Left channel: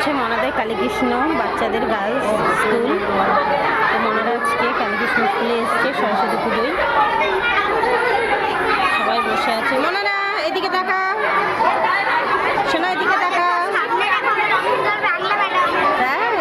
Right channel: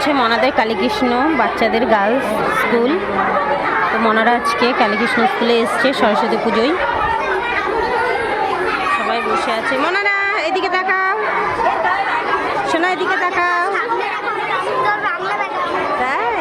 হচ্ছে মনাদের কালীকৃষ্ণ বাচ্চাদের girls school. তো মনারা আজকে কালীকৃষ্ণ স্কুলে এসছে সরস্বতী পুজোয়। সবাই বসে আছে। মনারা এদিকে তাকাও, শোনা এদিকে তাকাও। তাই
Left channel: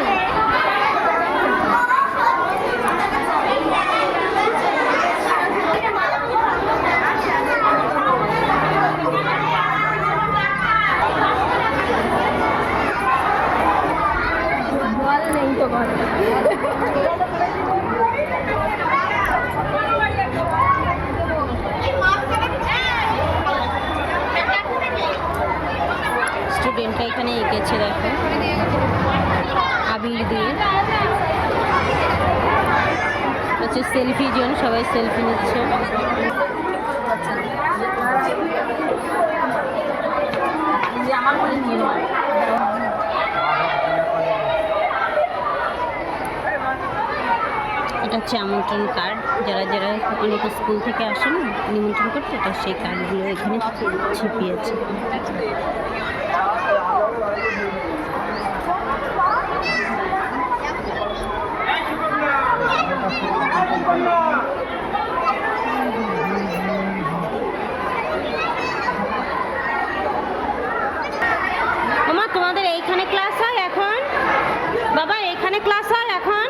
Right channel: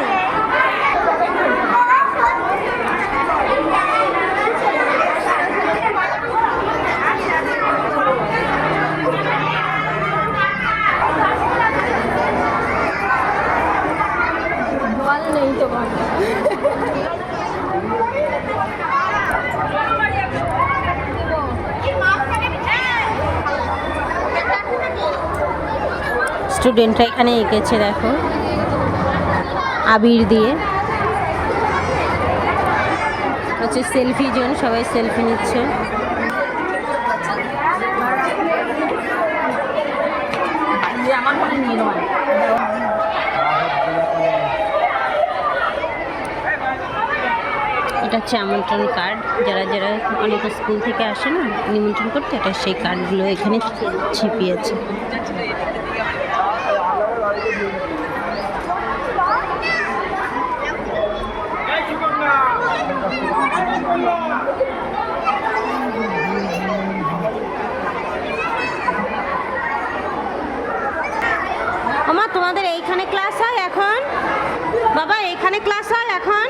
নেই তো ঘর। স্টুডেন্টরা এখানে এঁকেছে, দেখো আবির দিয়ে। হচ্ছে সেলফি জোন, সবাই সেলফি নিচ্ছে। এটা হচ্ছে আমন্ত্রণ কার্ড, যারা যারা অনেক স্কুল থেকে আসে না নিমন্ত্রণ করতে, এটা সেই কার্ডগুলো এখানে ছিপিয়েছে। ওমা, তোমাদের এইখানে ক্লাস হয় এখন? বাবা এইখানে ক্লাস হয় এখন?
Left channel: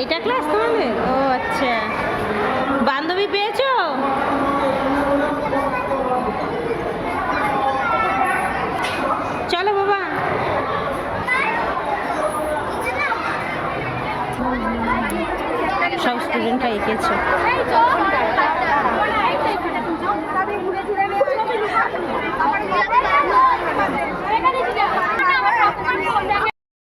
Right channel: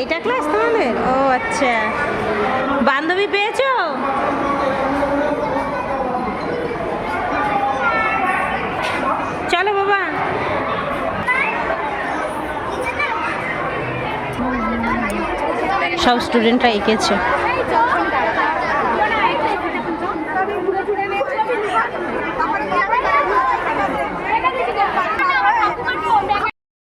এইটা ক্লাস তোমাদের? ও আচ্ছা, বান্ধবী পেয়েছো? চলো বাবা। সব স্টুডেন্টরা এঁকেছে।